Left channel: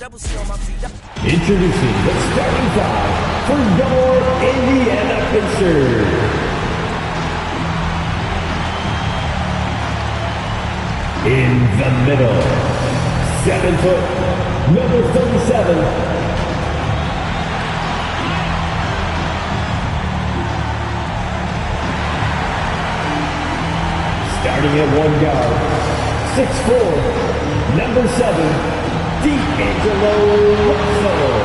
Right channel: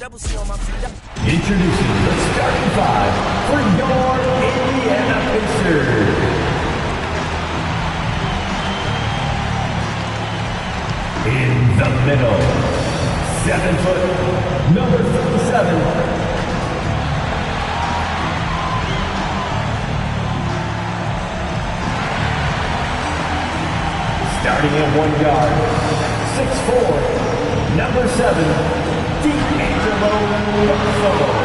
Introducing the starting five for your Indiana Pacers. In the middle, 7 foot, number 37. Starting at one guard, 6'4", number 7, D'Angelo Russell.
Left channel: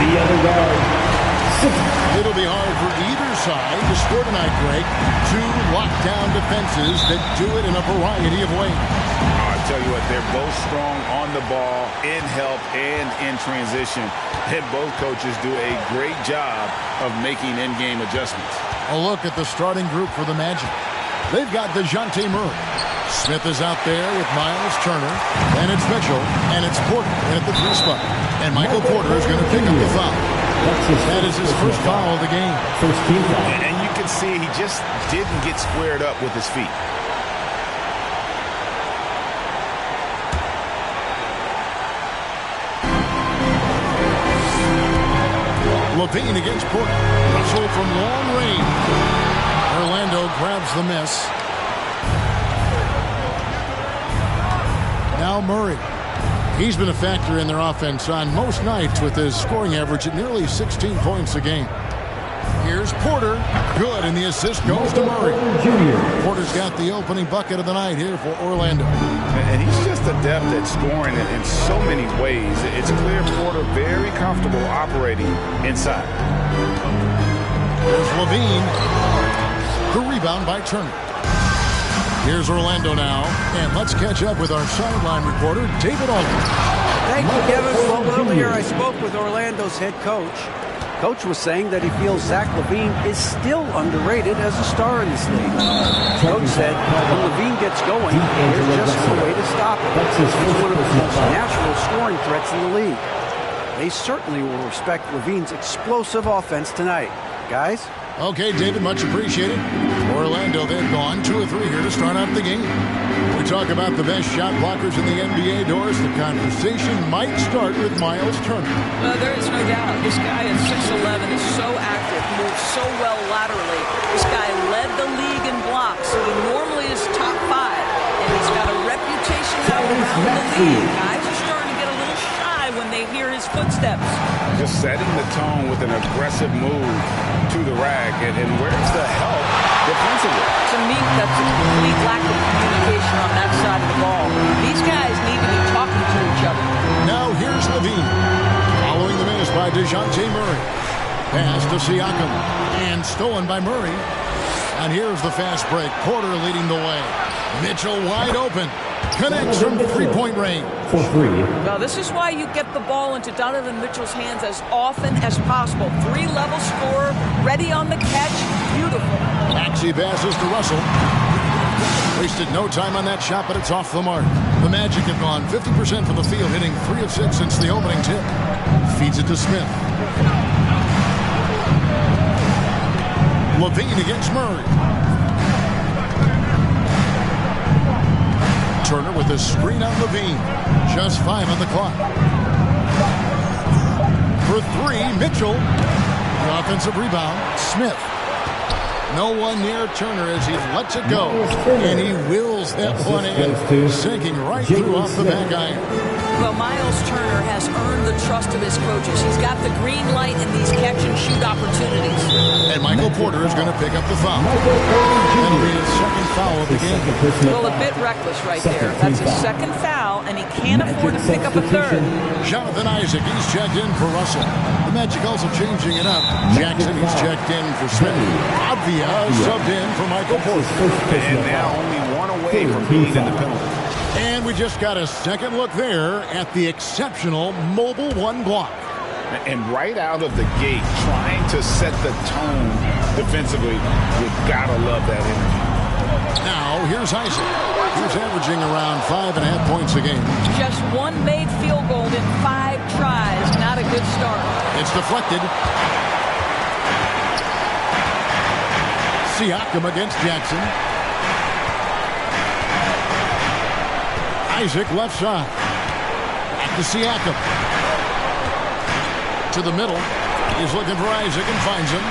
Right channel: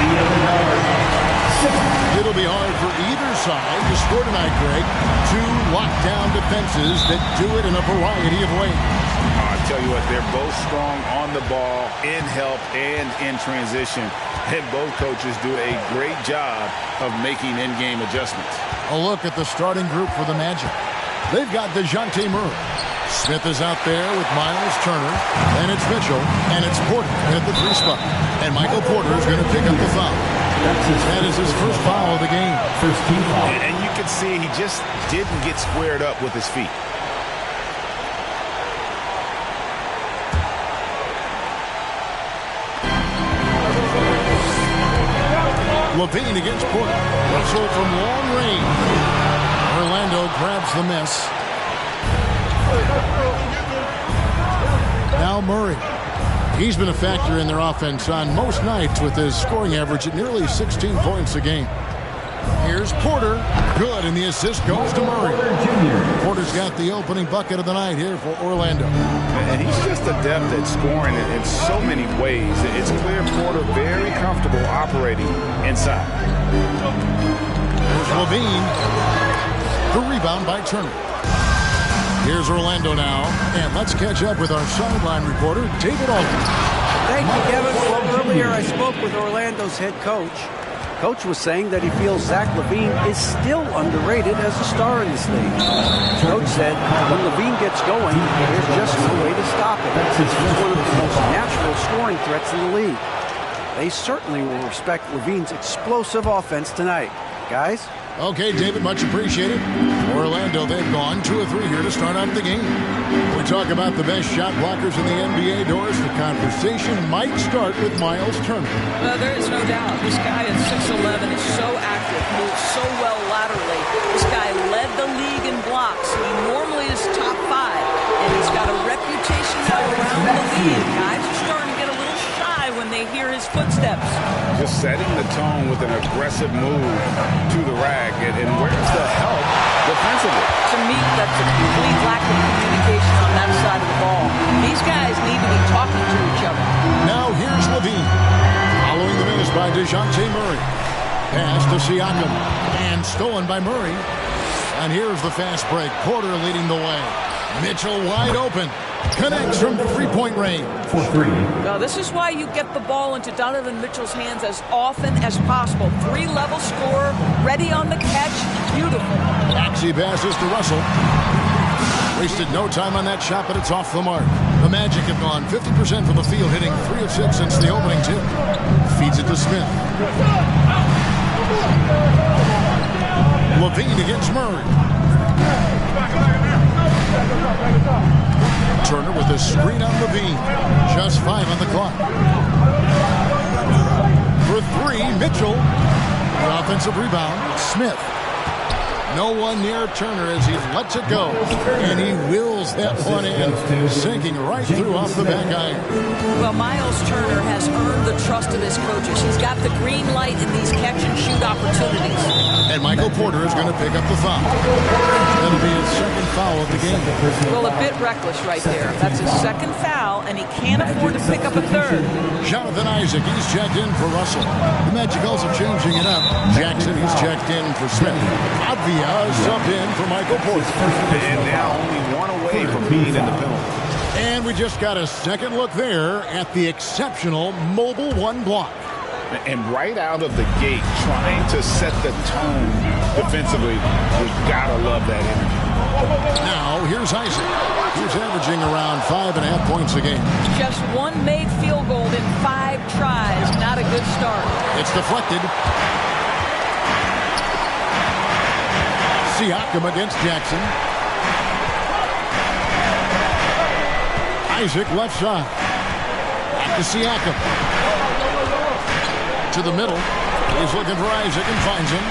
The other guard, 6. It'll be hard for either side to score tonight, Greg. Two lockdown defenses that do it in a variety of ways. I tell you what, they're both strong on the ball, in help, and in transition. And both coaches do a great job of making in-game adjustments. A look at the starting group for the Magic. They've got DeJounte Murray. Smith is out there with Miles Turner. And it's Mitchell. And it's Porter in at the 3 spot. And Michael Porter is going to pick up the foul. That is his first foul of the game. First team foul. And you can see he just didn't get squared up with his feet. LaVine against Porter. Russell from long range. Orlando grabs the miss. Now Murray. He's been a factor in their offense on most nights with his scoring average at nearly 16 points a game. Here's Porter. Good, and the assist goes to Murray. Porter's got the opening bucket of the night here for Orlando. And he's just adept at scoring in so many ways. It's clear Porter very comfortable operating inside. Here's LaVine. The rebound by Turner. Here's Orlando now, and let's catch up with our sideline reporter, David Aldridge. Thank you, Kevin. Well, earlier I spoke with Orlando's head coach. Coach was saying that he feels Zach LaVine is still underrated as a star in this league. Coach said when LaVine gets going, there's just no way to stop him. He's one of the most natural scoring threats in the league. They certainly will respect LaVine's explosive offense tonight. Guys? Okay, David, much appreciated. Orlando, they've gone 2 of 3 here to start out the game. We talk about the best shot blockers in the NBA, Doris. The conversation might start with Miles Turner. Well, there is no doubt. This guy at 6'11" is so active, moves so well laterally. This guy led the league in blocks. He normally is top 5, and he's got a reputation now around the league. Guys are starting to get a little shy when they hear his footsteps. Just setting the tone with an aggressive move to the rack. And where's the help defensively? To me, that's a complete lack of communication on that side of the ball. These guys need to be talking to each other. Now here's LaVine. Following the miss by DeJounte Murray. Pass to Siakam. And stolen by Murray. And here's the fast break. Porter leading the way. Mitchell wide open. Connects from 3-point range. For 3. Well, this is why you get the ball into Donovan Mitchell's hands as often as possible. 3-level scorer, ready on the catch. Beautiful. Maxey passes to Russell. Wasted no time on that shot, but it's off the mark. The Magic have gone 50% from the field, hitting 3 of 6 since the opening tip. Feeds it to Smith. LaVine against Murray. Turner with a screen on LaVine. Just 5 on the clock. For 3, Mitchell. The offensive rebound, Smith. No one near Turner as he lets it go. And he wills that one in, sinking right through off the back iron. Well, Miles Turner has earned the trust of his coaches. He's got the green light in these catch-and-shoot opportunities. And Michael Porter is going to pick up the foul. That'll be his second foul of the game. Well, a bit reckless right there. That's his second foul, and he can't afford to pick up a third. Jonathan Isaac, he's checked in for Russell. The Magic also changing it up. Jackson, he's checked in for Smith. Avia subbed in for Michael Porter. And now only one away from being in the penalty. And we just got a second look there at the exceptional Mobile One block. And right out of the gate, trying to set the tone defensively, you gotta love that energy. Now, here's Isaac. He's averaging around 5.5 points a game. Just one made field goal in 5 tries. Not a good start. It's deflected. Siakam against Jackson. Isaac left side. Back to Siakam. To the middle. He's looking for Isaac and finds him.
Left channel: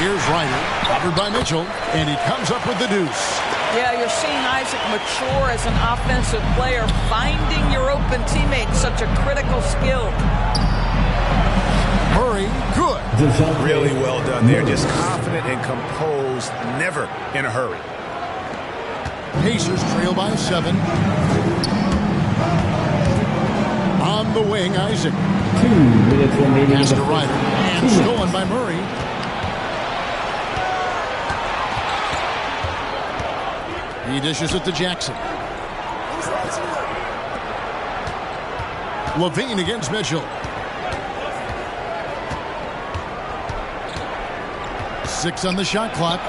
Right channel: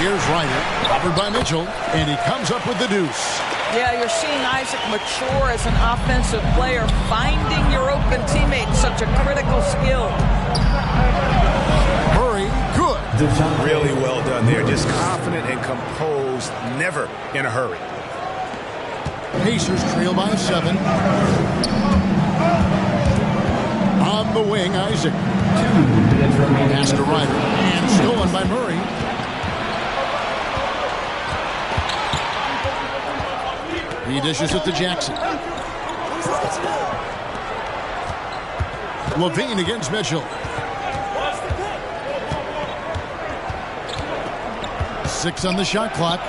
Here's Ryder. Covered by Mitchell. And he comes up with the deuce. Yeah, you're seeing Isaac mature as an offensive player. Finding your open teammate, such a critical skill. Murray, good. Really well done there. Just confident and composed. Never in a hurry. Pacers trail by 7. On the wing, Isaac. 2 minutes remaining. Pass to Ryder. And stolen by Murray. He dishes it to Jackson. Levine against Mitchell. 6 on the shot clock.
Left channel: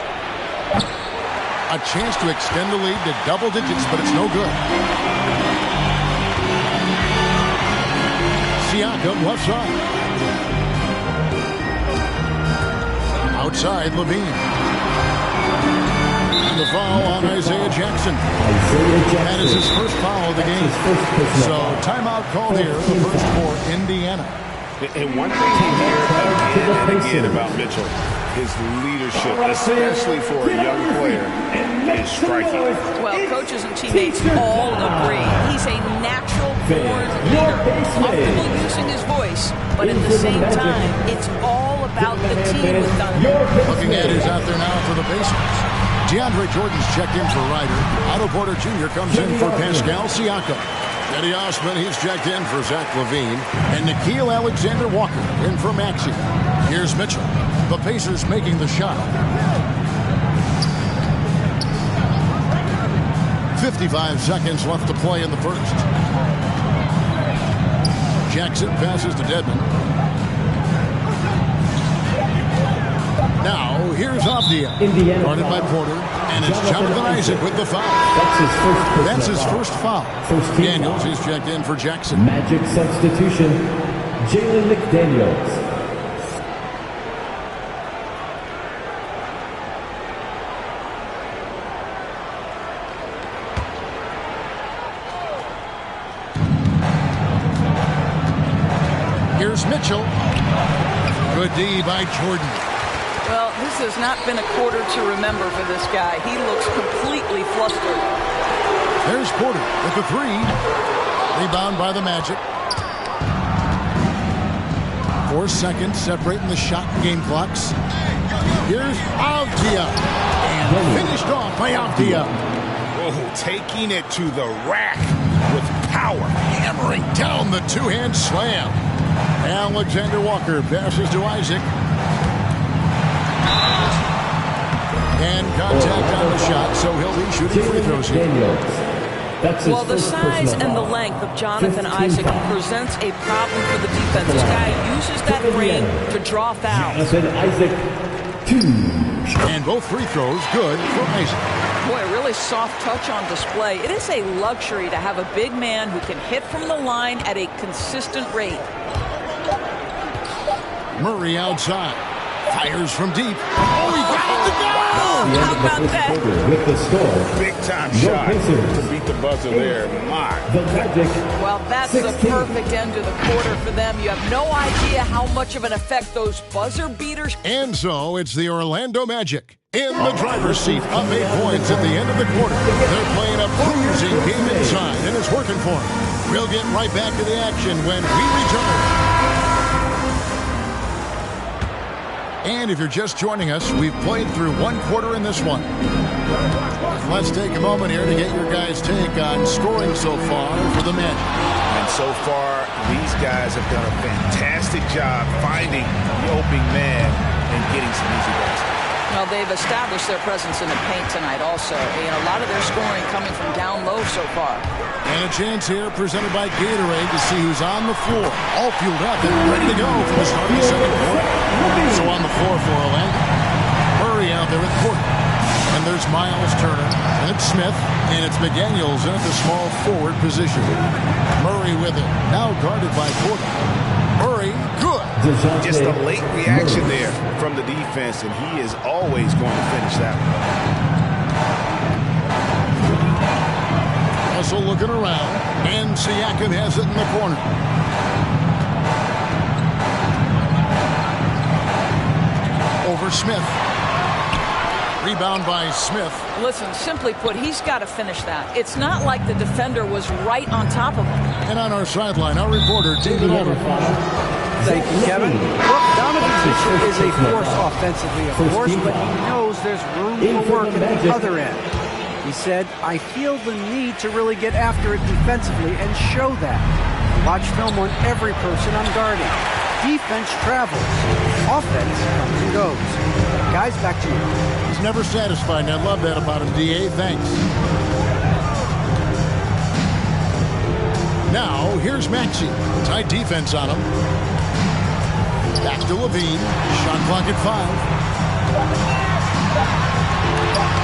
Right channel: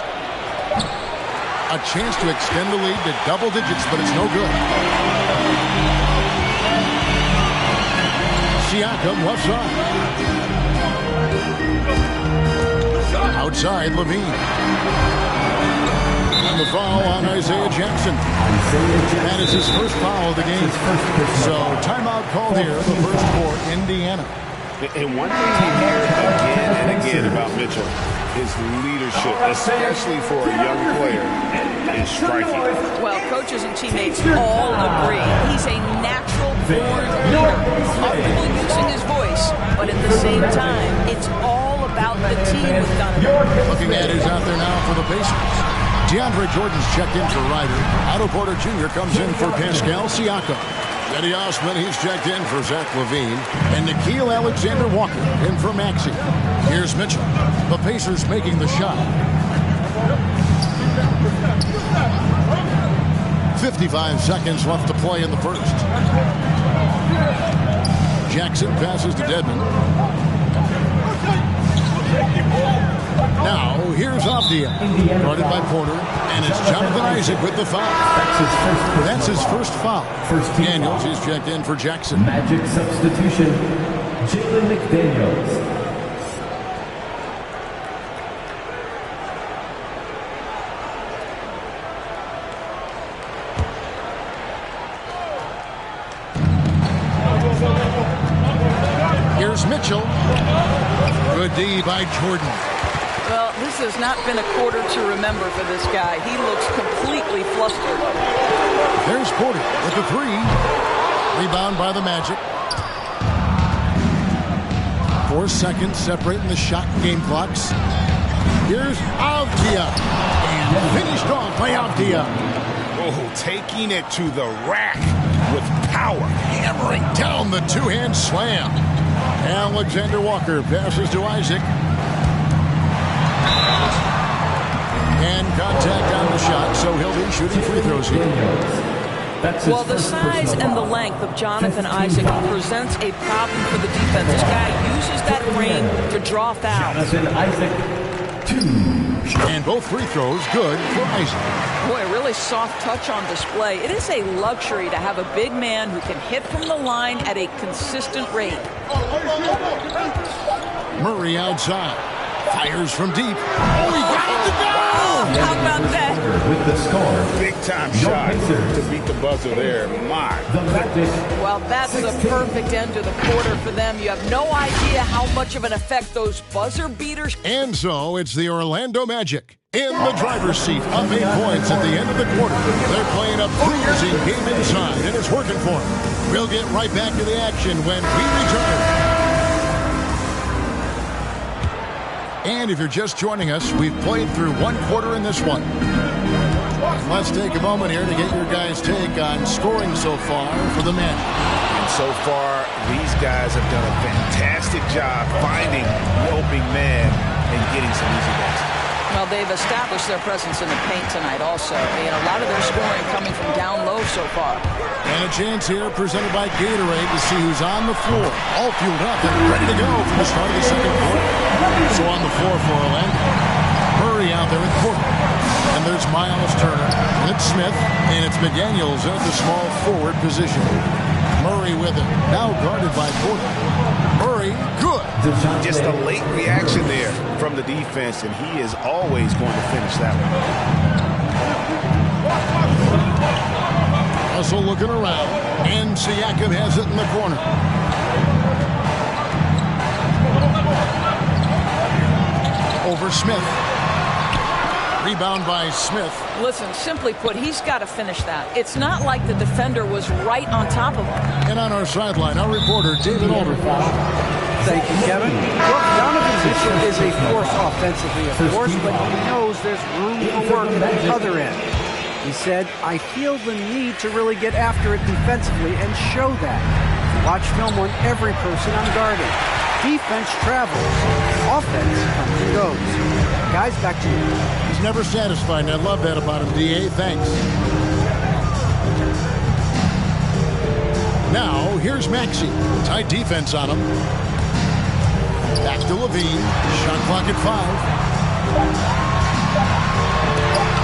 A chance to extend the lead to double digits, but it's no good. Siakam left side. Outside, Levine. And the foul on Isaiah Jackson. That is his first foul of the game. So timeout called here, the first for Indiana. And one thing you hear again and again about Mitchell, his leadership, especially for a young player, is striking. Well, coaches and teammates all agree. He's a natural-born leader, comfortable using his voice, but at the same time, it's all about the team with Donovan. Looking at who's out there now for the Pacers. DeAndre Jordan's checked in for Ryder. Otto Porter Jr. comes in for Pascal Siakam. Cedi Osman, he's checked in for Zach LaVine. And Nickeil Alexander-Walker in for Maxey. Here's Mitchell. The Pacers making the shot. 55 seconds left to play in the first. Jackson passes to Dedmon. Now, here's Avdia. Guarded by Porter. And it's Jonathan Isaac with the foul. That's his first foul. Daniels, he's checked in for Jackson. Magic substitution, Jalen McDaniels. Here's Mitchell. Good D by Jordan. Well, this has not been a quarter to remember for this guy. He looks completely flustered. There's Porter with the 3. Rebound by the Magic. 4 seconds separating the shot and game clocks. Here's Avdia. And finished off by Avdia. Oh, taking it to the rack with power. Hammering down the two-hand slam. Alexander Walker passes to Isaac. And contact on the shot, so he'll be shooting free throws here. Well, the size and the length of Jonathan Isaac presents a problem for the defense. This guy uses that frame to draw fouls. Jonathan Isaac, 2. And both free throws good for Isaac. Boy, a really soft touch on display. It is a luxury to have a big man who can hit from the line at a consistent rate. Murray outside. Fires from deep. Oh, he got it to go! How about that? With the score. Big time shot to beat the buzzer there. My. The Magic. Well, that's 16. The perfect end to the quarter for them. You have no idea how much of an effect those buzzer beaters. And so it's the Orlando Magic in the driver's seat, up 8 points at the end of the quarter. They're playing a bruising game inside, and it's working for them. We'll get right back to the action when we return. And if you're just joining us, we've played through 1 quarter in this one. Let's take a moment here to get your guys' take on scoring so far for the Magic. And so far, these guys have done a fantastic job finding the opening man and getting some easy baskets. Well, they've established their presence in the paint tonight also. And a lot of their scoring coming from down low so far. And a chance here presented by Gatorade to see who's on the floor. All fueled up and ready to go for the start of the second quarter. So on the floor for Orlando. Murray out there with Porter. And there's Miles Turner. And it's Smith. And it's McDaniels at the small forward position. Murray with it. Now guarded by Porter. Murray, good. Just a late reaction there from the defense, and he is always going to finish that one. Russell looking around, and Siakam has it in the corner. Over Smith. Rebound by Smith. Listen, simply put, he's got to finish that. It's not like the defender was right on top of him. And on our sideline, our reporter, David Alder. Thank you, Kevin. Look, Donovan Mitchell is a force offensively, of course, but he knows there's room for work at the other end. He said, I feel the need to really get after it defensively and show that. Watch film on every person I'm guarding. Defense travels. Offense comes and goes. Guys, back to you. He's never satisfied, and I love that about him, D.A. Thanks. Now, here's Maxey. Tight defense on him. Back to Levine. Shot clock at 5.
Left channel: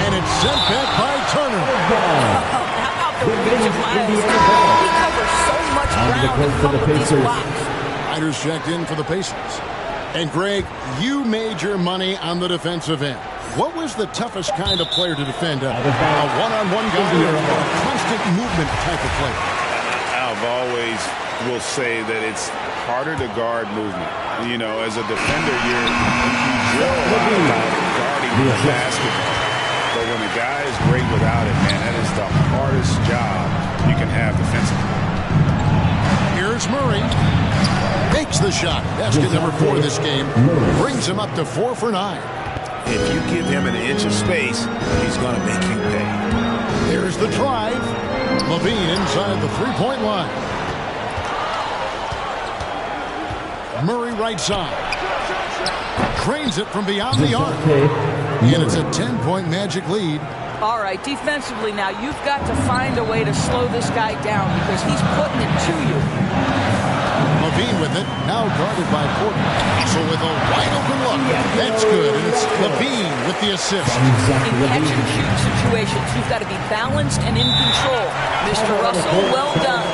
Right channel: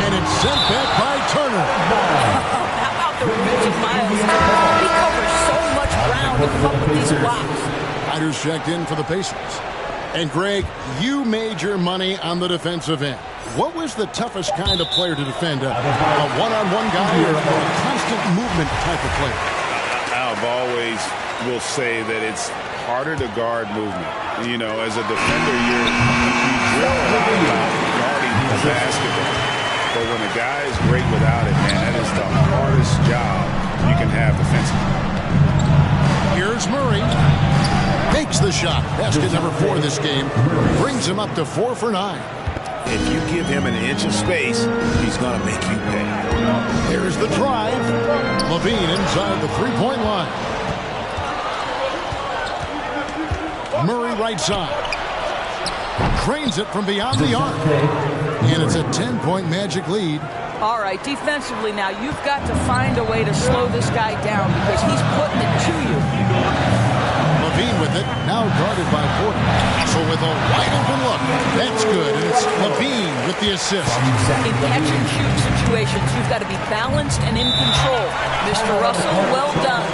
And it's sent back by Turner. How about the reach of Miles Turner? He covers so much ground to come up with these blocks. Riders checked in for the Pacers. And Greg, you made your money on the defensive end. What was the toughest kind of player to defend? A one-on-one guy or a constant movement type of player? I've always will say that it's harder to guard movement. You know, as a defender, you drill a lot about guarding the basketball. But when a guy is great without it, man, that is the hardest job you can have defensively. Here's Murray. Makes the shot. Basket number 4 this game. Brings him up to 4 for 9. If you give him an inch of space, he's going to make you pay. There's the drive. Levine inside the three-point line. Murray right side. Drains it from beyond the arc. And it's a 10-point Magic lead. All right, defensively now, you've got to find a way to slow this guy down because he's putting it to you. Levine with it, now guarded by Porter. Russell with a wide-open look. That's good, and it's Levine with the assist. In catch-and-shoot situations, you've got to be balanced and in control. Mr. Russell, well done.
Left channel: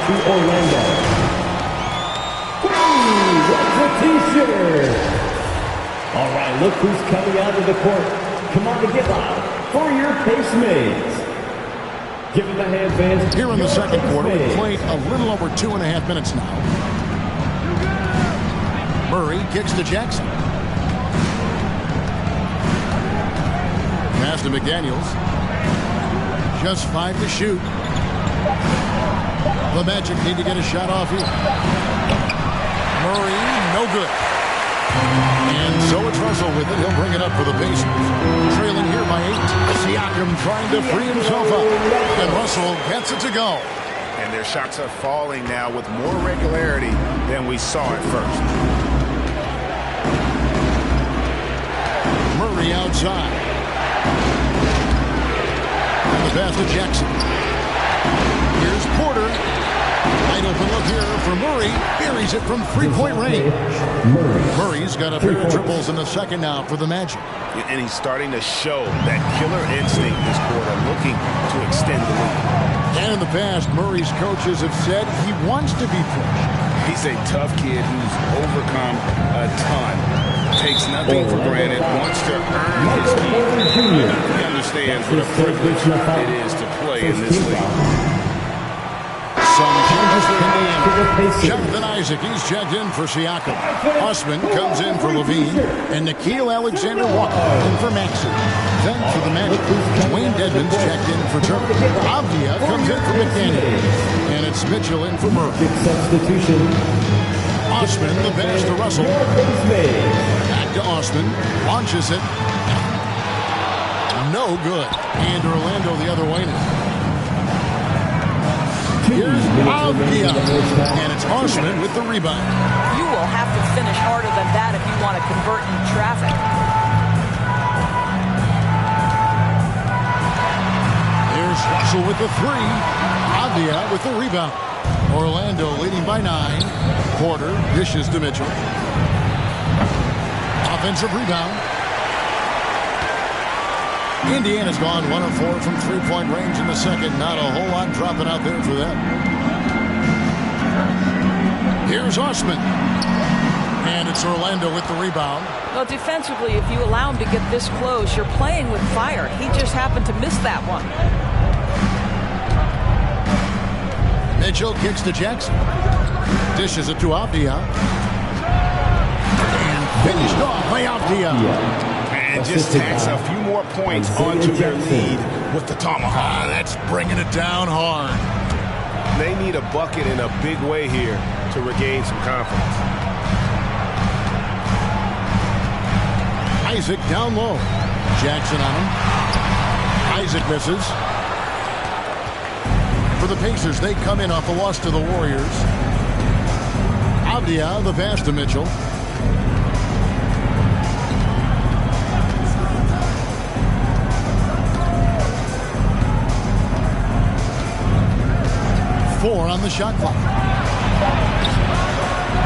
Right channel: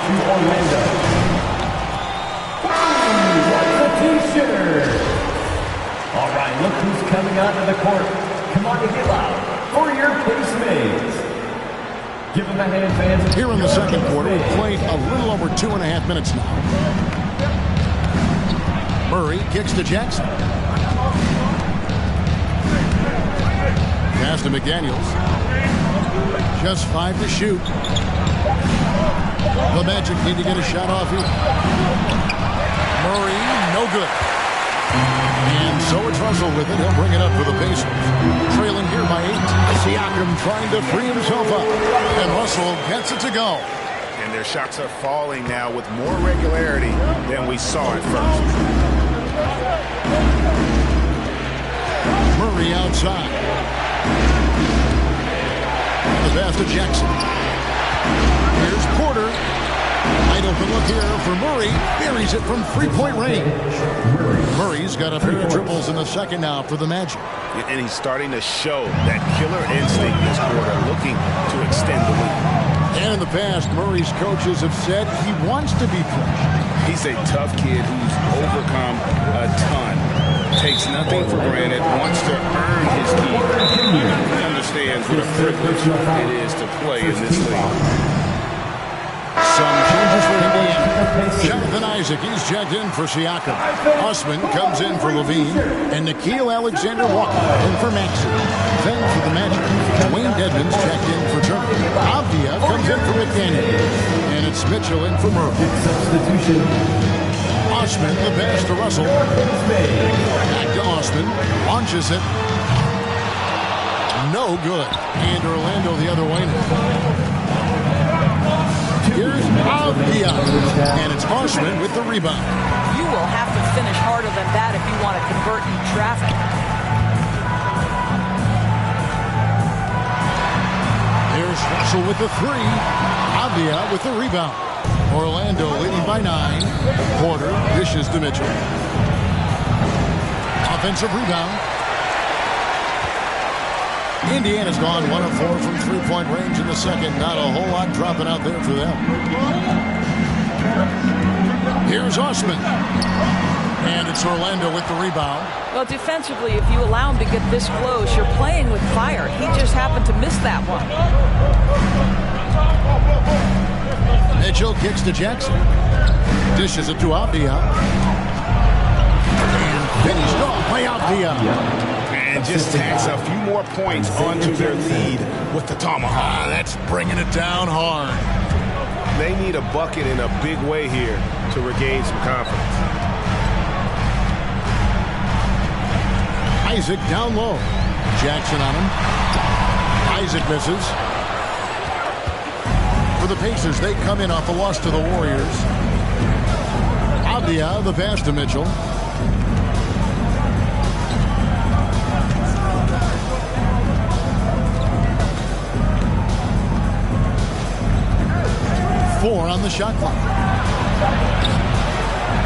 What's the T-shirt? All right, look who's coming onto the court. Come on to get loud for your Pacemates. Give him a hand, fans. Here in the second quarter, we've played a little over 2.5 minutes now. Murray kicks to Jackson. Pass to McDaniels. Just 5 to shoot. The Magic need to get a shot off here. Murray, no good. And so it's Russell with it. He'll bring it up for the Pacers. Trailing here by 8. Siakam trying to free himself up. And Russell gets it to go. And their shots are falling now with more regularity than we saw at first. Murray outside. And the pass to Jackson. Here's Porter. Wide open look here for Murray. Buries it from three-point range. Murray's got a pair of triples in the second now for the Magic. And he's starting to show that killer instinct this quarter, looking to extend the lead. And in the past, Murray's coaches have said he wants to be pushed. He's a tough kid who's overcome a ton. Takes nothing for granted, wants to earn his keep. He understands what a privilege it is to play in this league. Some changes for Indiana. Jonathan Isaac, he's checked in for Siakam. Osman comes in for Levine. And Nickeil Alexander-Walker in for Maxey. Then for the Magic, Dwayne Dedmon's checked in for Turner. Avdia comes in for McDaniel. And it's Mitchell in for Murray. Substitution. Osman, the pass to Russell. Back to Osman. Launches it. No good. And Orlando the other way now. Here's Avdia. And it's Osman with the rebound. You will have to finish harder than that if you want to convert in traffic. Here's Russell with the 3. Avdia with the rebound. Orlando leading by 9. Porter dishes to Mitchell. Offensive rebound. Indiana's gone 1 of 4 from three-point range in the second. Not a whole lot dropping out there for them. Here's Osman. And it's Orlando with the rebound. Well, defensively, if you allow him to get this close, you're playing with fire. He just happened to miss that one. Mitchell kicks to Jackson. Dishes it to Avdia. And finished off by Avdia. And just tacks a few more points onto their lead with the tomahawk. That's bringing it down hard. They need a bucket in a big way here to regain some confidence. Isaac down low. Jackson on him. Isaac misses. For the Pacers, they come in off a loss to the Warriors. Avdia, the pass to Mitchell. Four on the shot clock.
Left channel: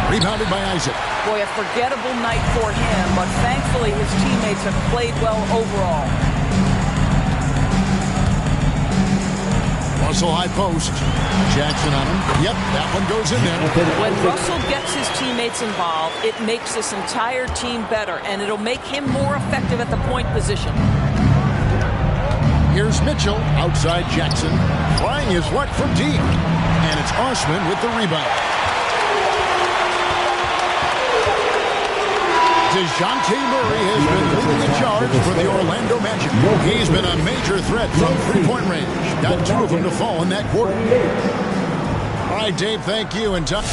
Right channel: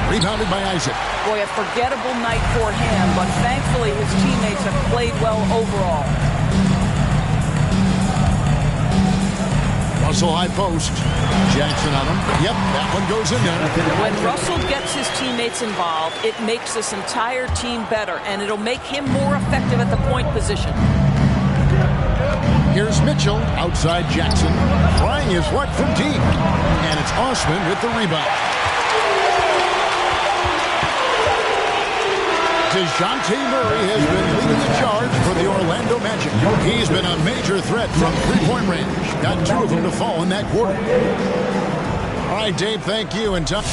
Rebounded by Isaac. Boy, a forgettable night for him, but thankfully his teammates have played well overall. Russell high post. Jackson on him. Yep, that one goes in there. When Russell gets his teammates involved, it makes this entire team better, and it'll make him more effective at the point position. Here's Mitchell outside Jackson. Trying his luck from deep. And it's Osman with the rebound. DeJounte Murray has been leading the charge for the Orlando Magic. He's been a major threat from three-point range. Got two of them to fall in that quarter. All right, Dave, thank you. And time.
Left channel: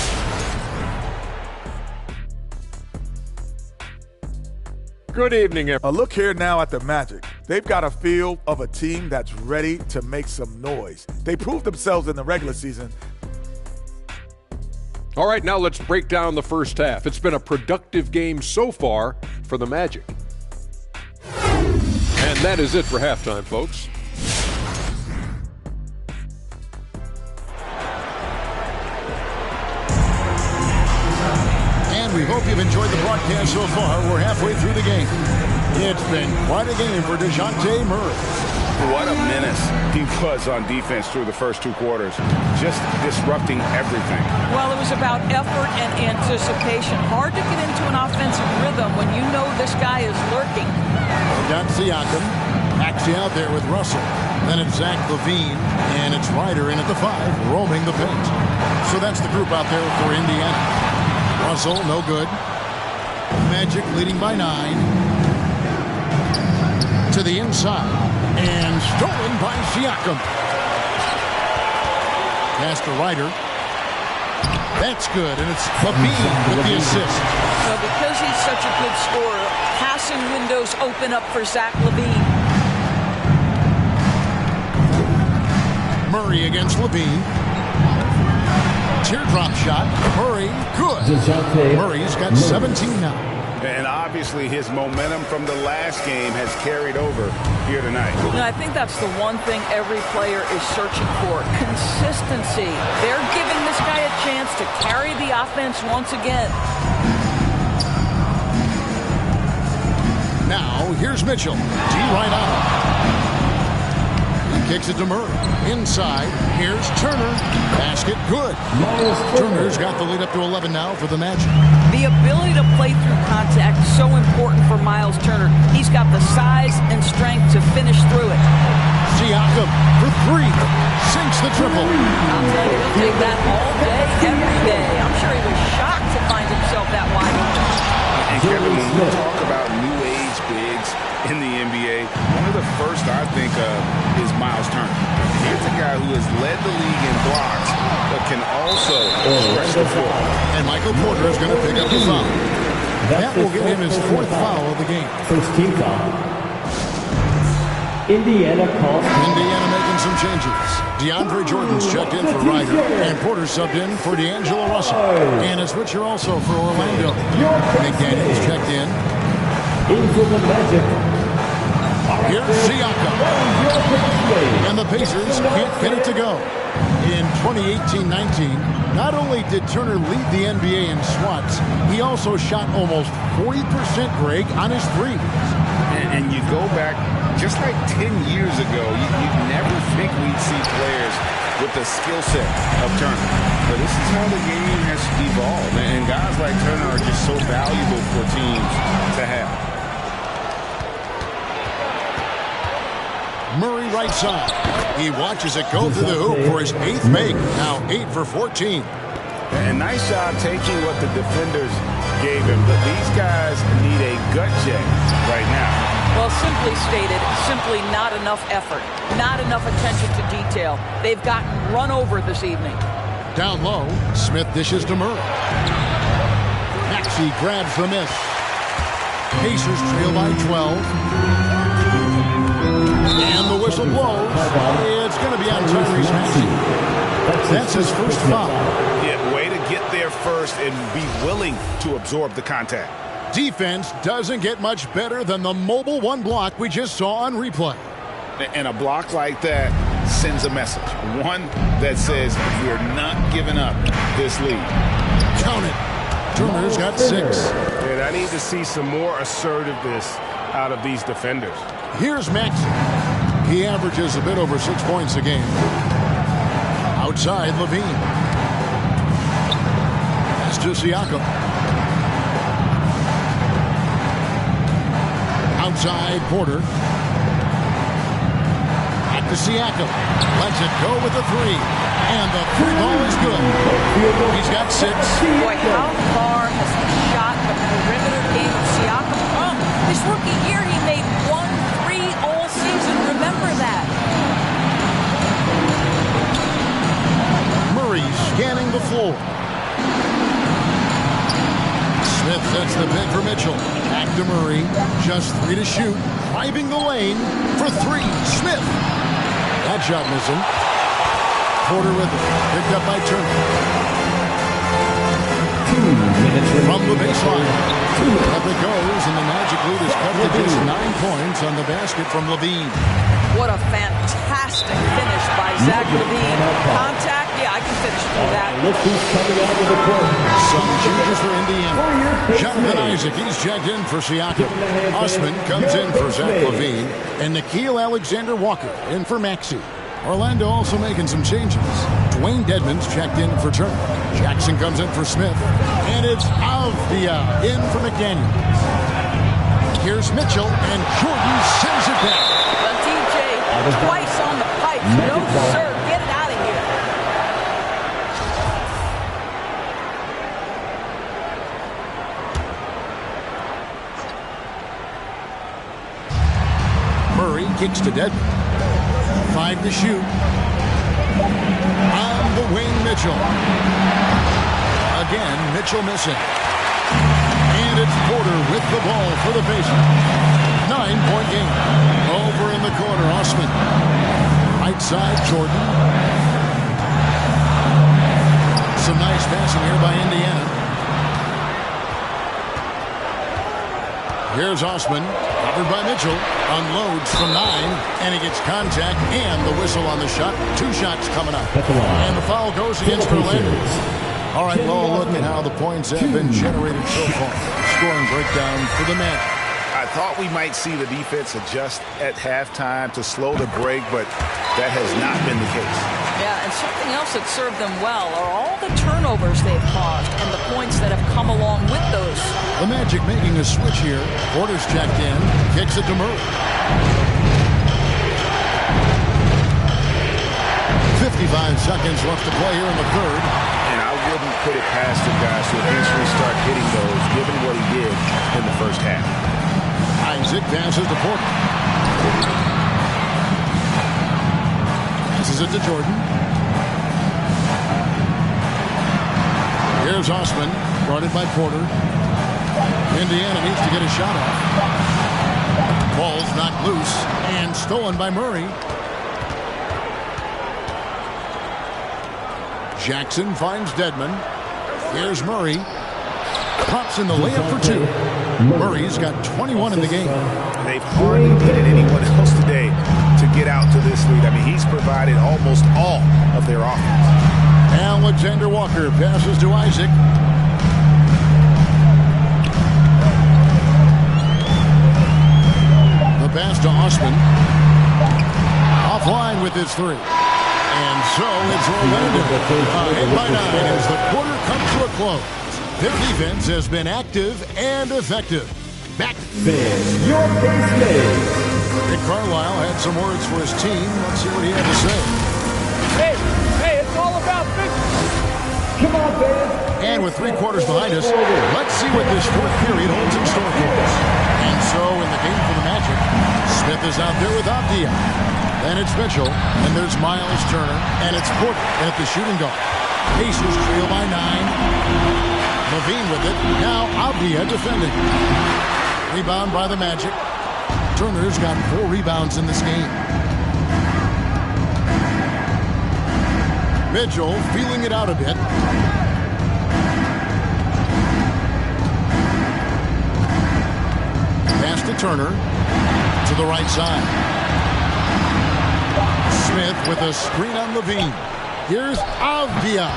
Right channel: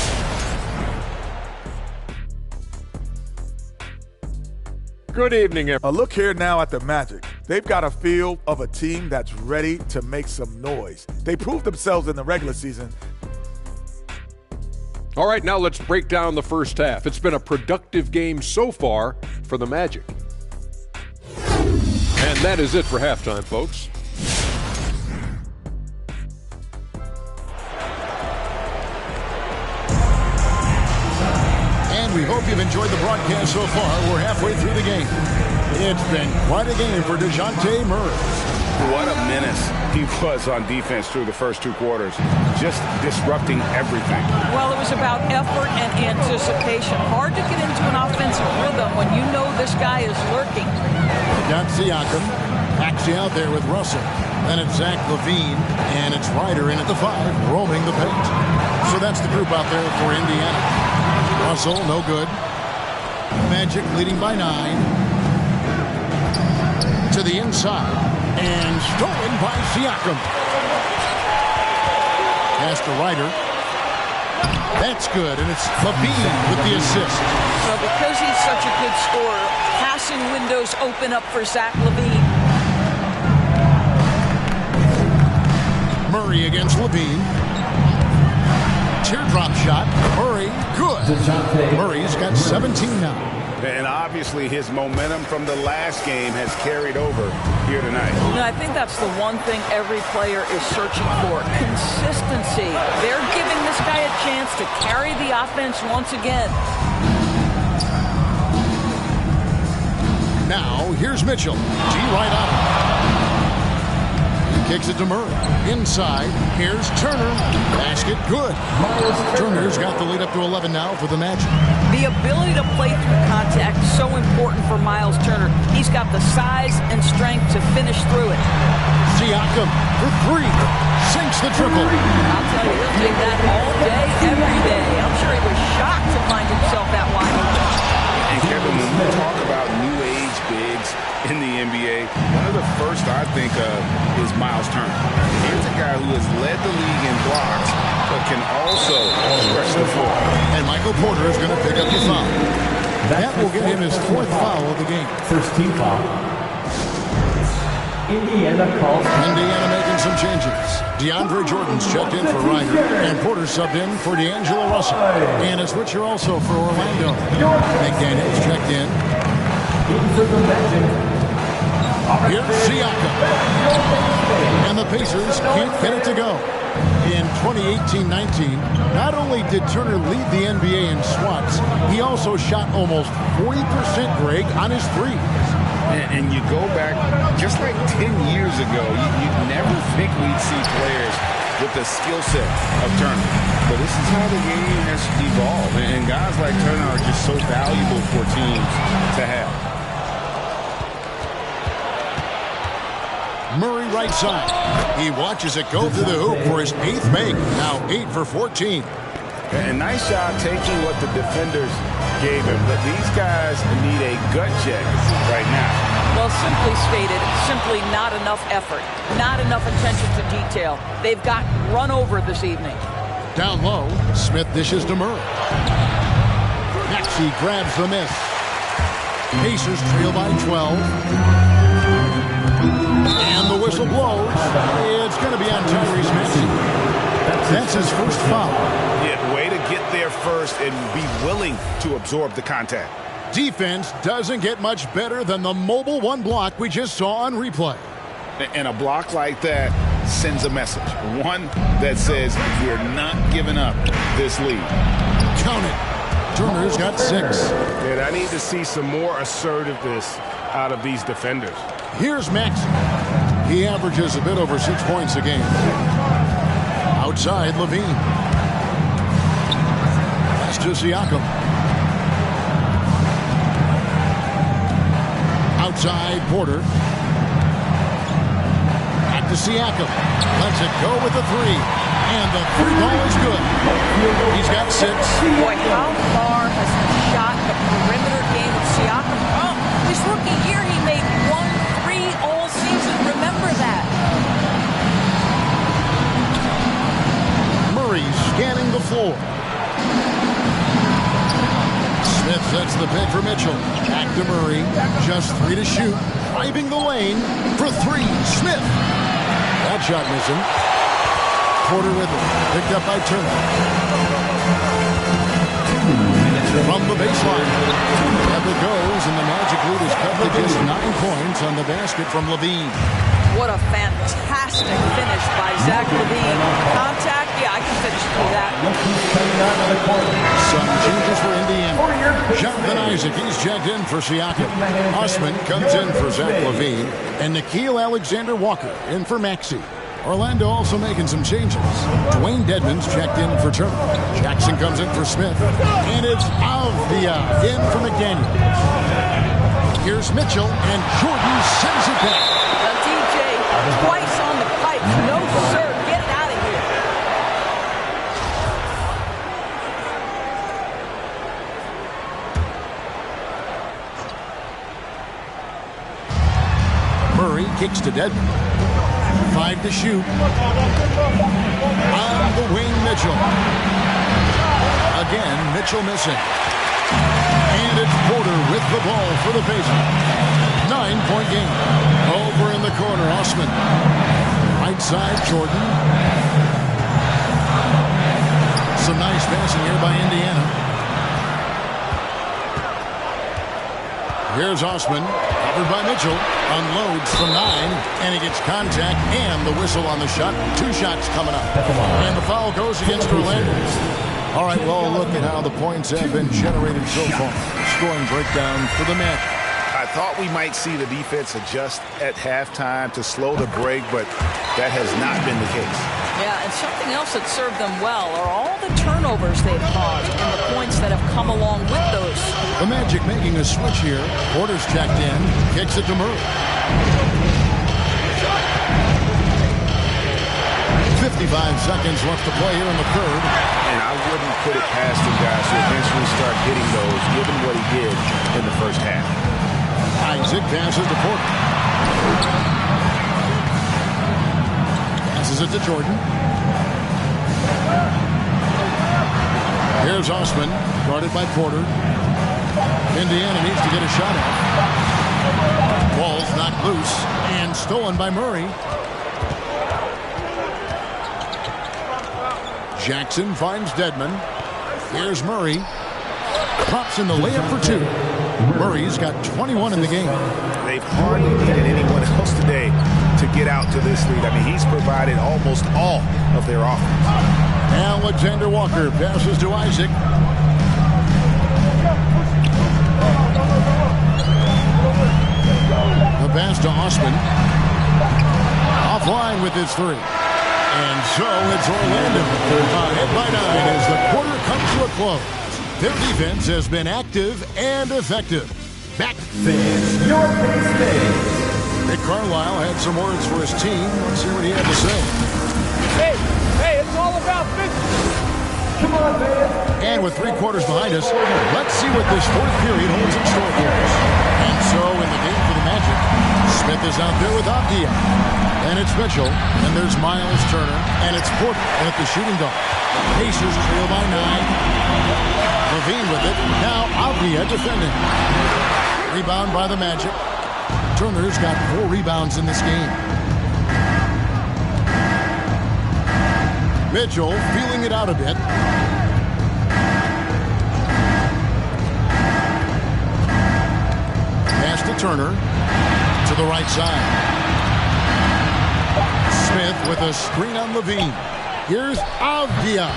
Good evening, everyone. A look here now at the Magic. They've got a feel of a team that's ready to make some noise. They proved themselves in the regular season. All right, now let's break down the first half. It's been a productive game so far for the Magic. And that is it for halftime, folks. And we hope you've enjoyed the broadcast so far. We're halfway through the game. It's been quite a game for DeJounte Murray. What a menace he was on defense through the first two quarters, just disrupting everything. Well, it was about effort and anticipation. Hard to get into an offensive rhythm when you know this guy is lurking. Got Siakam. Maxey out there with Russell. Then it's Zach LaVine, and it's Ryder in at the 5, roaming the paint. So that's the group out there for Indiana. Russell, no good. Magic leading by 9. To the inside. And stolen by Siakam. Pass to Ryder. That's good, and it's LaVine with the assist. Well, because he's such a good scorer, passing windows open up for Zach LaVine. Murray against LaVine. Teardrop shot. Murray, good. Murray's got 17 now. And obviously his momentum from the last game has carried over here tonight. And I think that's the one thing every player is searching for, consistency. They're giving this guy a chance to carry the offense once again. Now, here's Mitchell. D right on him. He kicks it to Murray. Inside, here's Turner. Basket, good. Turner's got the lead up to 11 now for the Magic. The ability to play through contact is so important for Miles Turner. He's got the size and strength to finish through it. Siakam for 3. Sinks the triple. I'll tell you, he'll take that all day, every day. I'm sure he was shocked to find himself that wide open. And Kevin, when we talk about new age bigs in the NBA, one of the first I think of is Miles Turner. Here's a guy who has led the league in blocks, but can also stretch the floor. And Michael Porter is going to pick up the foul. That will get him his 4th foul of the game. First team foul. Indiana calls. Indiana making some changes. DeAndre Jordan's checked in for Ryder, and Porter subbed in for D'Angelo Russell. And a switcher also for Orlando. McDaniels checked in. In for the Magic. Here's Siakam. And the Pacers can't get it to go. In 2018-19, not only did Turner lead the NBA in swats, he also shot almost 40%, Greg, on his threes. And you go back just like 10 years ago, you'd never think we'd see players with the skill set of Turner. But this is how the game has evolved. And guys like Turner are just so valuable for teams to have. Murray right side. He watches it go through the hoop for his 8th make. Now 8 for 14. And nice job taking what the defenders gave him. But these guys need a gut check right now. Well, simply stated, simply not enough effort. Not enough attention to detail. They've gotten run over this evening. Down low, Smith dishes to Murray. Maxey grabs the miss. Pacers trail by 12. And the whistle blows. It's going to be on Tyrese Maxey. That's his first foul. Yeah, way to get there first and be willing to absorb the contact. Defense doesn't get much better than the mobile one block we just saw on replay. And a block like that sends a message. One that says we're not giving up this lead. Count it. Turner's got 6. And I need to see some more assertiveness out of these defenders. Here's Maxey. He averages a bit over 6 points a game. Outside, Levine. Pass to Siakam. Outside, Porter. Back to Siakam. Lets it go with the 3. And the 3 ball is good. He's got 6. Boy, how far has the shot, the perimeter game of Siakam come? His rookie year, he made 1 3 all season. Remember that. Murray scanning the floor. Smith sets the pick for Mitchell. Back to Murray. Just 3 to shoot. Driving the lane for 3. Smith. That shot missing. Porter with it. Picked up by Turner. 2 minutes From the baseline. Up it goes, and the Magic lead is cut to just 9 points on the basket from Levine. What a fantastic finish by Zach LaVine. Contact, yeah, I can finish through that. Look who's coming out of the court. Some changes for Indiana. Jonathan Isaac, he's checked in for Siakam. Osman comes in for Zach LaVine. And Nickeil Alexander-Walker in for Maxey. Orlando also making some changes. Dwayne Dedmon's checked in for Turner. Jackson comes in for Smith. And it's Avdia in for McDaniels. Here's Mitchell, and Jordan sends it back. Well, DJ, twice on the pipe. No, sir. Get it out of here. Murray kicks to Dedmon. 5 to shoot. On the wing, Mitchell. Again, Mitchell missing. And it's Porter with the ball for the Pacers. 9-point game. Over in the corner, Osman. Right side, Jordan. Some nice passing here by Indiana. Here's Osman, covered by Mitchell. Unloads from 9, and he gets contact and the whistle on the shot. 2 shots coming up. And the foul goes against Orlando. All right, well, look at how the points have been generated so far. Scoring breakdown for the Magic. I thought we might see the defense adjust at halftime to slow the break, but that has not been the case. Yeah, and something else that served them well are all the turnovers they've caused and the points that have come along with those. The Magic making a switch here. Porter's checked in, kicks it to Murray. 55 seconds left to play here in the third. And I wouldn't put it past him, guys, to eventually start hitting those, given what he did in the first half. Isaac passes to Porter. Passes it to Jordan. Here's Osman, guarded by Porter. Indiana needs to get a shot off. Ball's knocked loose and stolen by Murray. Jackson finds Dedmon. Here's Murray. Pops in the layup for 2. Murray's got 21 in the game. They've hardly needed anyone else today to get out to this lead. I mean, he's provided almost all of their offense. Alexander Walker passes to Isaac. The pass to Osman. Offline with his 3. And so it's Orlando ahead by 9 as the quarter comes to a close. Their defense has been active and effective. Back. Fans, your pace mates. Rick Carlisle had some words for his team. Let's hear what he had to say. Hey, it's all about business. Come on, fans. And with 3 quarters behind us, let's see what this 4th period holds in store for us. And so in the game for the Magic, Smith is out there with Avdia. Then it's Mitchell, and there's Miles Turner, and it's Porter at the shooting guard. Pacers trail by 9. Levine with it. Now Avdia defending. Rebound by the Magic. Turner's got 4 rebounds in this game. Mitchell feeling it out a bit. Pass to Turner. To the right side. Smith with a screen on Levine. Here's Avdia.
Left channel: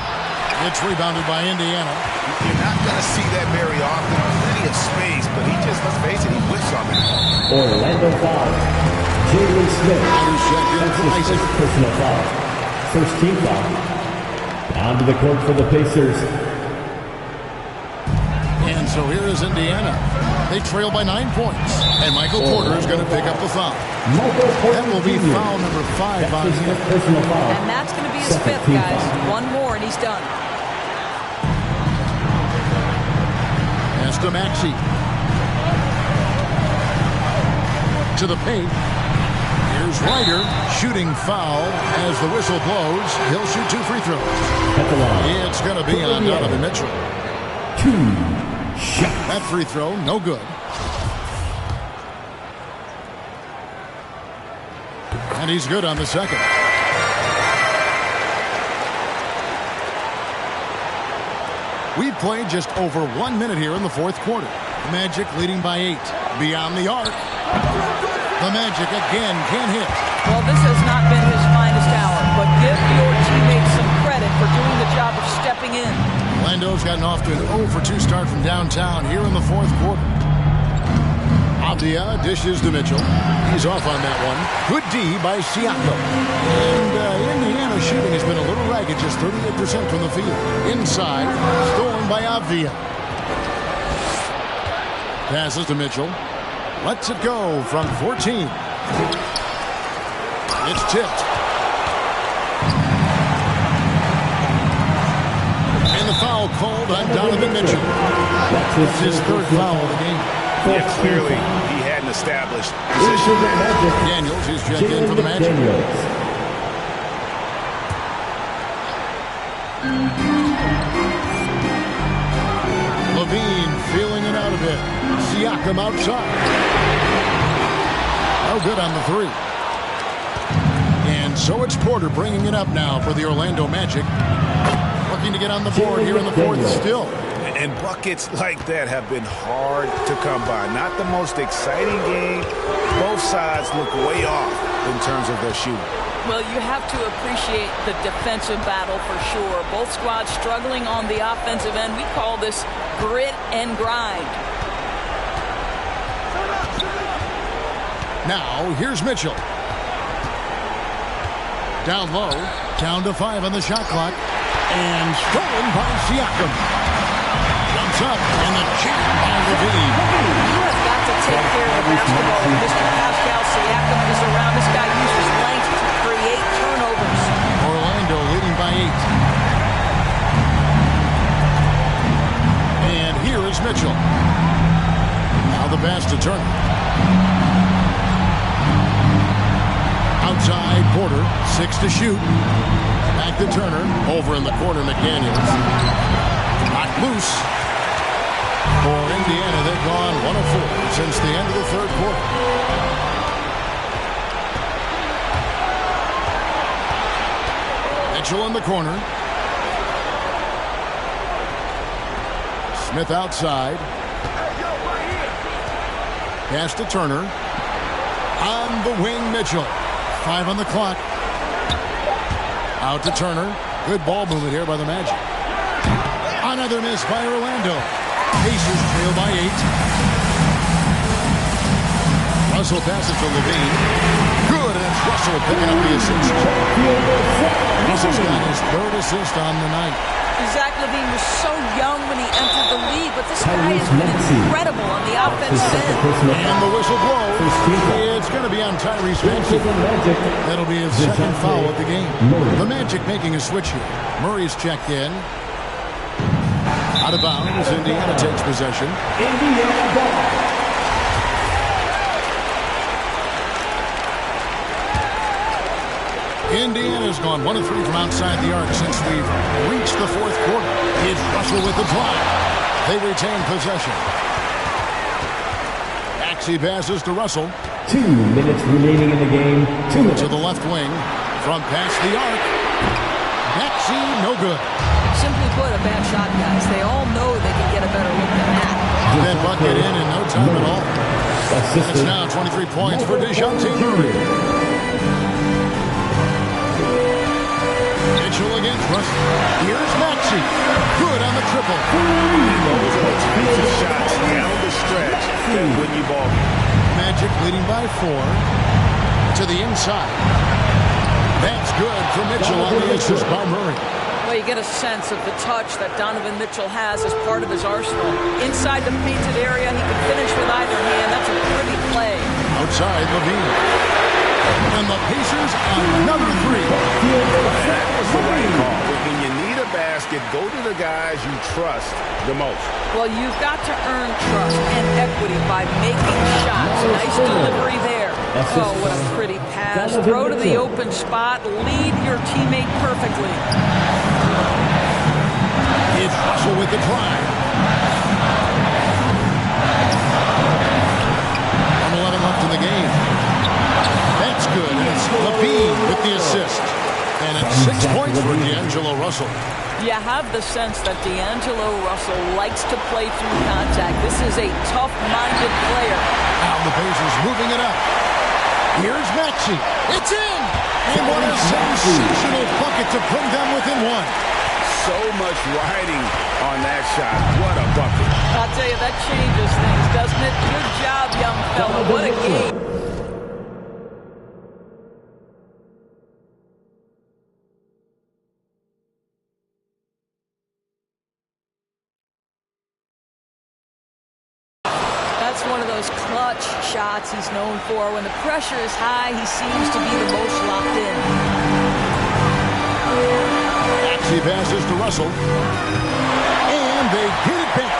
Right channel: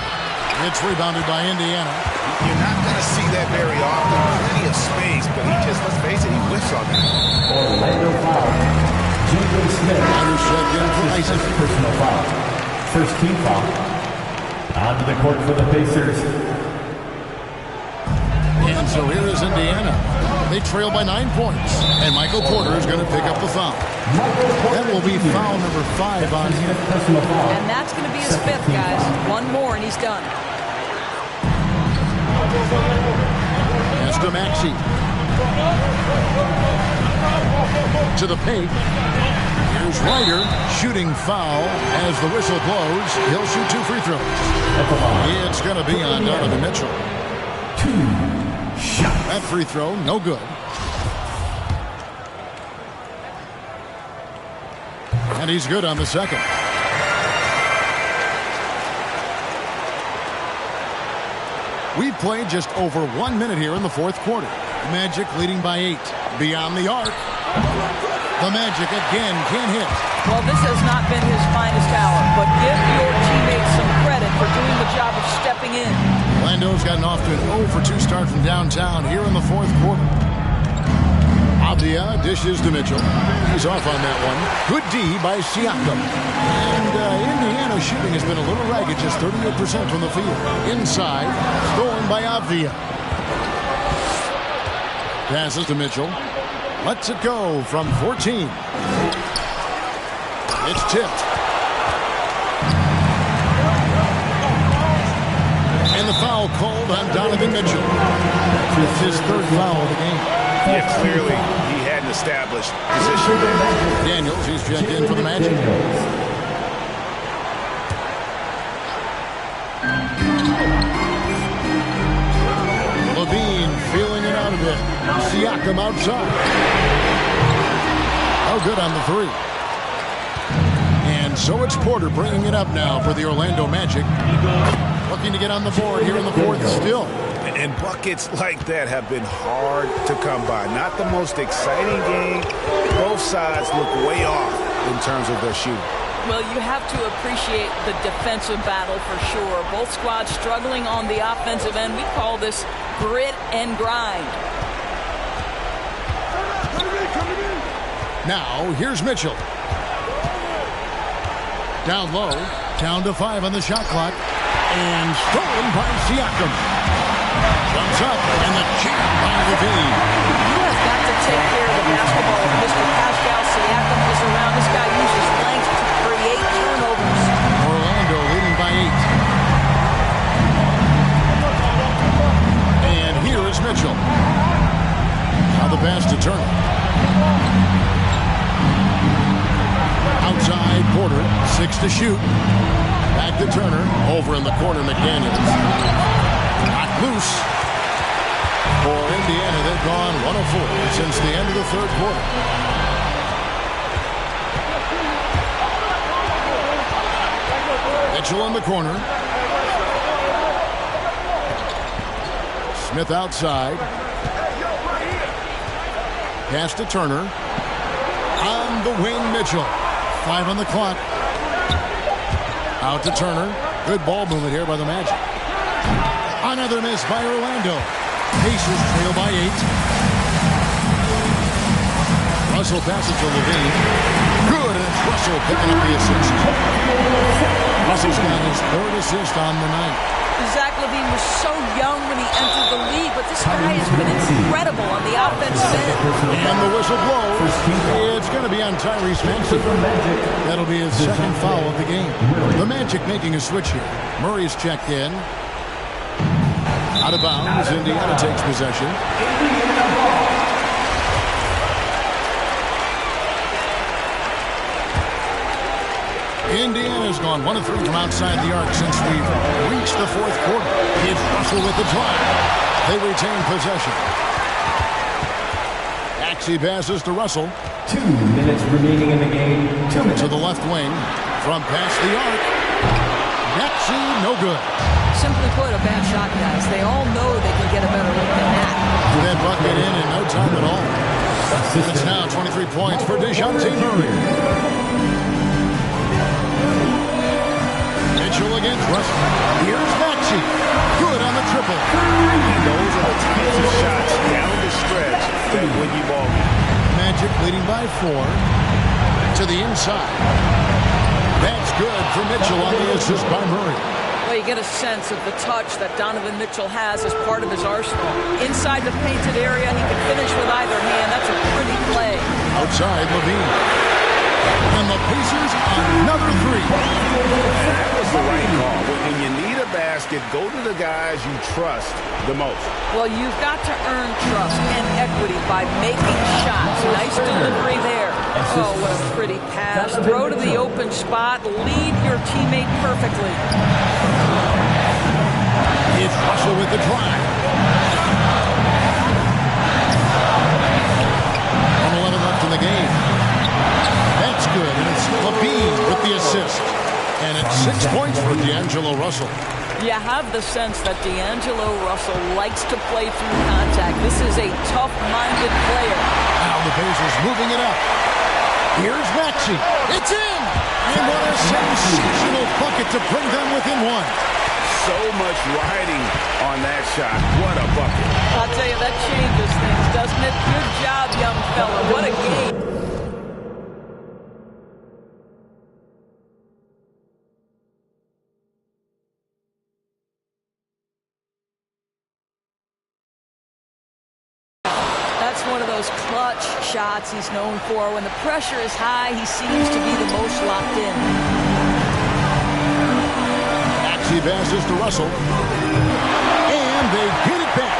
It's rebounded by Indiana. You're not going to see that very often. Plenty of space, but he just, let's face it, he whiffs on that. Orlando foul. Jalen Smith. Irish checked in for Isaac. Personal foul. First team foul. Onto the court for the Pacers. And so here is Indiana. They trail by 9 points. And Michael Porter is going to pick up the foul. That will be foul number 5 on him. Personal foul. And that's going to be his 5th, guys. Foul. 1 more and he's done. Pass to Maxey. To the paint. Here's Ryder. Shooting foul as the whistle blows. He'll shoot 2 free throws. At the line. It's going to be on Donovan Mitchell. 2 shots. That free throw, no good. And he's good on the second. We've played just over 1 minute here in the 4th quarter. Magic leading by 8. Beyond the arc. The Magic again can't hit. Well, this has not been his finest hour, but give your teammates some credit for doing the job of stepping in. Orlando's gotten off to an 0-for-2 start from downtown here in the 4th quarter. Avdia dishes to Mitchell. He's off on that one. Good D by Siakam. And Indiana shooting has been a little ragged, just 38% from the field. Inside, stolen by Avdia. Passes to Mitchell. Lets it go from 14. It's tipped. And the foul called on Donovan Mitchell. That's his 3rd foul of the game. Yeah, clearly he hadn't established position there. Daniels, he's checked in for the Magic. Levine feeling it out a bit. Siakam outside. No good on the 3. And so it's Porter bringing it up now for the Orlando Magic. Looking to get on the board here in the 4th still. And buckets like that have been hard to come by. Not the most exciting game. Both sides look way off in terms of their shooting. Well, you have to appreciate the defensive battle for sure. Both squads struggling on the offensive end. We call this grit and grind. Now, here's Mitchell. Down low, down to 5 on the shot clock. And stolen by Siakam. Jumps up, and the jam by Levine. You have got to take care of the basketball if Mr. Pascal Siakam is around. This guy uses length to create turnovers. Orlando leading by 8. And here is Mitchell. Now the pass to Turner. Outside, Porter, 6 to shoot. Back to Turner. Over in the corner, McDaniels. Knocked loose. For Indiana, they've gone 1 of 4 since the end of the 3rd quarter. Mitchell in the corner. Smith outside. Pass to Turner. On the wing, Mitchell. 5 on the clock. Out to Turner. Good ball movement here by the Magic. Another miss by Orlando. Pacers trail by 8. Russell passes to Levine. Good good, and it's Russell picking up the assist. Russell's got his third assist on the night. Zach LaVine was so young when he entered the league, but this guy has been incredible on the offensive end. And the whistle blows. It's going to be on Tyrese Maxey. That'll be his second foul of the game. The Magic making a switch here. Murray's checked in. Out of bounds. Indiana takes possession. Indiana ball. Indiana's gone 1 of 3 from outside the arc since we've reached the fourth quarter. It's Russell with the drive. They retain possession. Maxey passes to Russell. 2 minutes remaining in the game. 2 minutes. To the left wing. From past the arc. Maxey, no good. Simply put, a bad shot, guys. They all know they can get a better look than that. That bucket in no time at all. And it's now 23 points for DeJounte Murray. Mitchell against Russell. Here's Maxey. Good on the triple. And those are the types of shots down the stretch that win you ball game. Magic leading by 4. To the inside. That's good for Mitchell on the assist by Murray. Well, you get a sense of the touch that Donovan Mitchell has as part of his arsenal. Inside the painted area, he can finish with either hand. That's a pretty play. Outside, LaVine. And the Pacers another 3. That was the right call. When you need a basket, go to the guys you trust the most. Well, you've got to earn trust and equity by making shots. Nice delivery there. Oh, what a pretty pass. Throw to the open spot. Lead your teammate perfectly. It's Russell with the drive. 1:11 left in the game. That's good, and it's LaVine with the assist. And it's 6 points for D'Angelo Russell. You have the sense that D'Angelo Russell likes to play through contact. This is a tough-minded player. Now the Pacers moving it up. Here's Maxey. It's in! And what a sensational bucket to bring them within 1. So much riding on that shot. What a bucket. I'll tell you, that changes things, doesn't it? Good job, young fella. What a game. That's one of those clutch shots he's known for. When the pressure is high, he seems to be the most locked in. Maxey passes to Russell. And they get it back.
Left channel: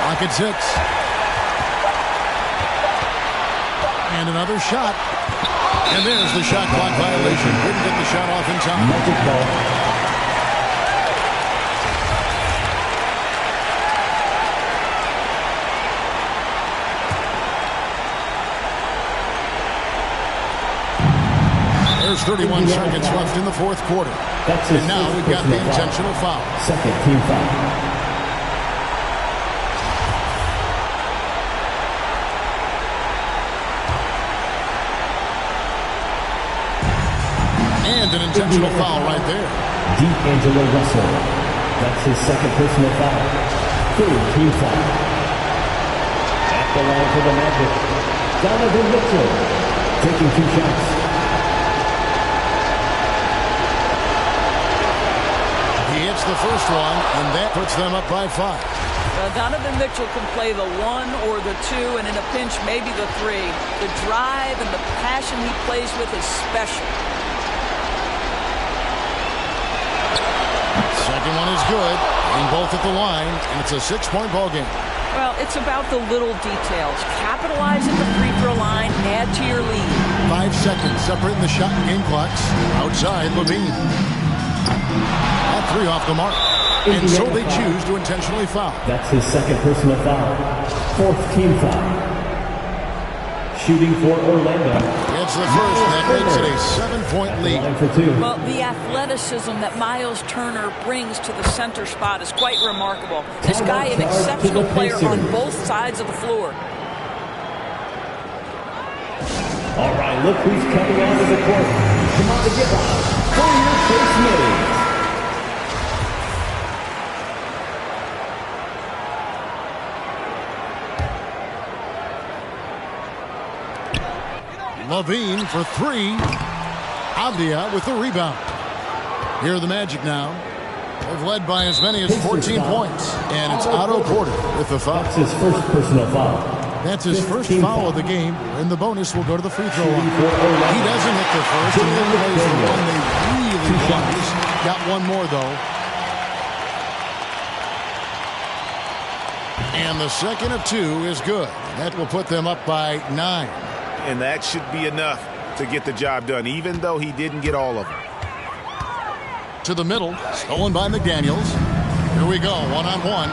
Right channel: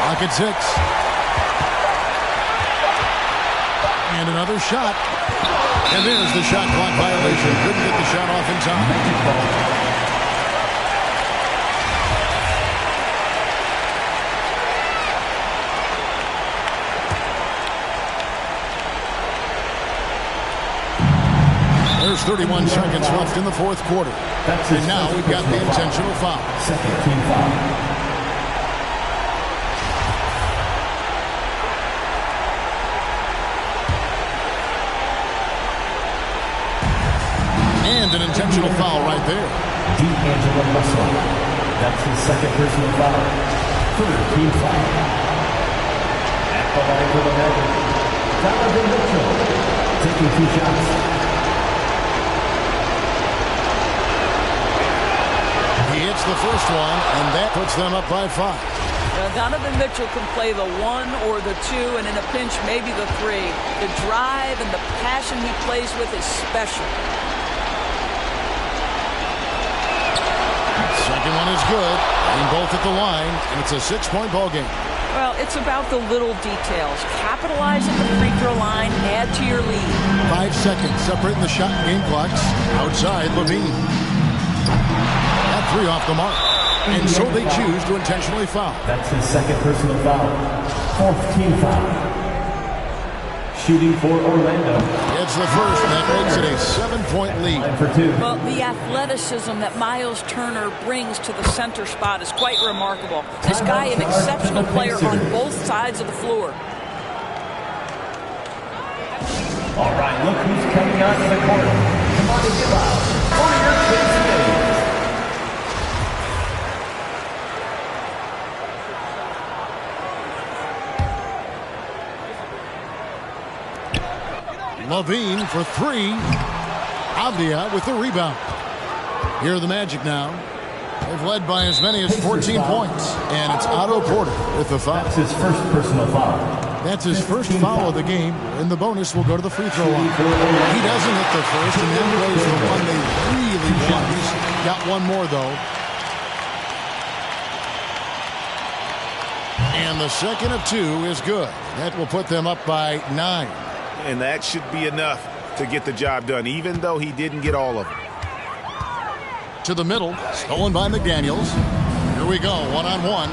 Clock at 6. And another shot. And there's the shot clock violation. Couldn't get the shot off in time. Magic ball. There's 31 seconds left in the fourth quarter. And now we've got the intentional foul. Second team foul. And an intentional foul right there. D'Angelo Russell. That's his second personal foul. Third team foul. At the line for the Magic, Donovan Mitchell taking 2 shots. He hits the first one, and that puts them up by 5. Donovan Mitchell can play the 1 or the 2, and in a pinch, maybe the 3. The drive and the passion he plays with is special. Second one is good. Hitting both at the line, and it's a 6-point ball game. Well, it's about the little details. Capitalize at the free throw line, add to your lead. 5 seconds separating the shot and game clocks. Outside, LaVine. That 3 off the mark. And so they choose to intentionally foul. That's his second personal foul. Fourth team foul. Shooting for Orlando. It's the first, and that makes it a 7-point lead. Line for 2. Well, the athleticism that Miles Turner brings to the center spot is quite remarkable. This guy, an exceptional player on both sides of the floor. All right, look who's coming onto the court. Come on to give up for your Chase Mays. LaVine for three. Avdia with the rebound. Here are the Magic now. They've led by as many as 14 points. And it's Otto Porter with the foul. That's his first personal foul. That's his first foul of the game, and the bonus will go to the free throw line. He doesn't hit the first, and that plays the one they really want. He's got one more, though. And the second of two is good. That will put them up by 9. And that should be enough to get the job done, even though he didn't get all of them. To the middle, stolen by McDaniels. Here we go, one-on-one.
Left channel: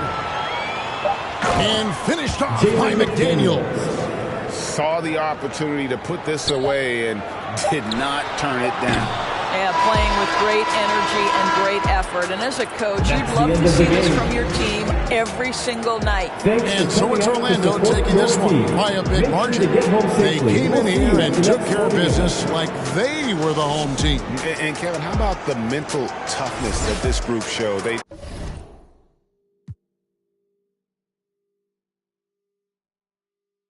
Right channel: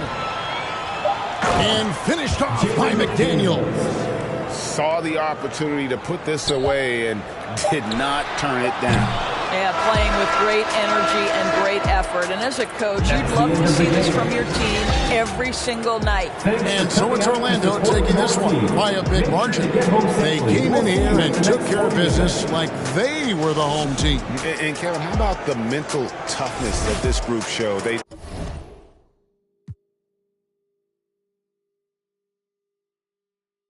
And finished off by McDaniels. Saw the opportunity to put this away and did not turn it down. Yeah, playing with great energy and great effort. And as a coach, you'd love to see this from your team every single night. And so it's Orlando taking this one by a big margin. They came in here and took care of business like they were the home team. And Kevin, how about the mental toughness that this group showed? They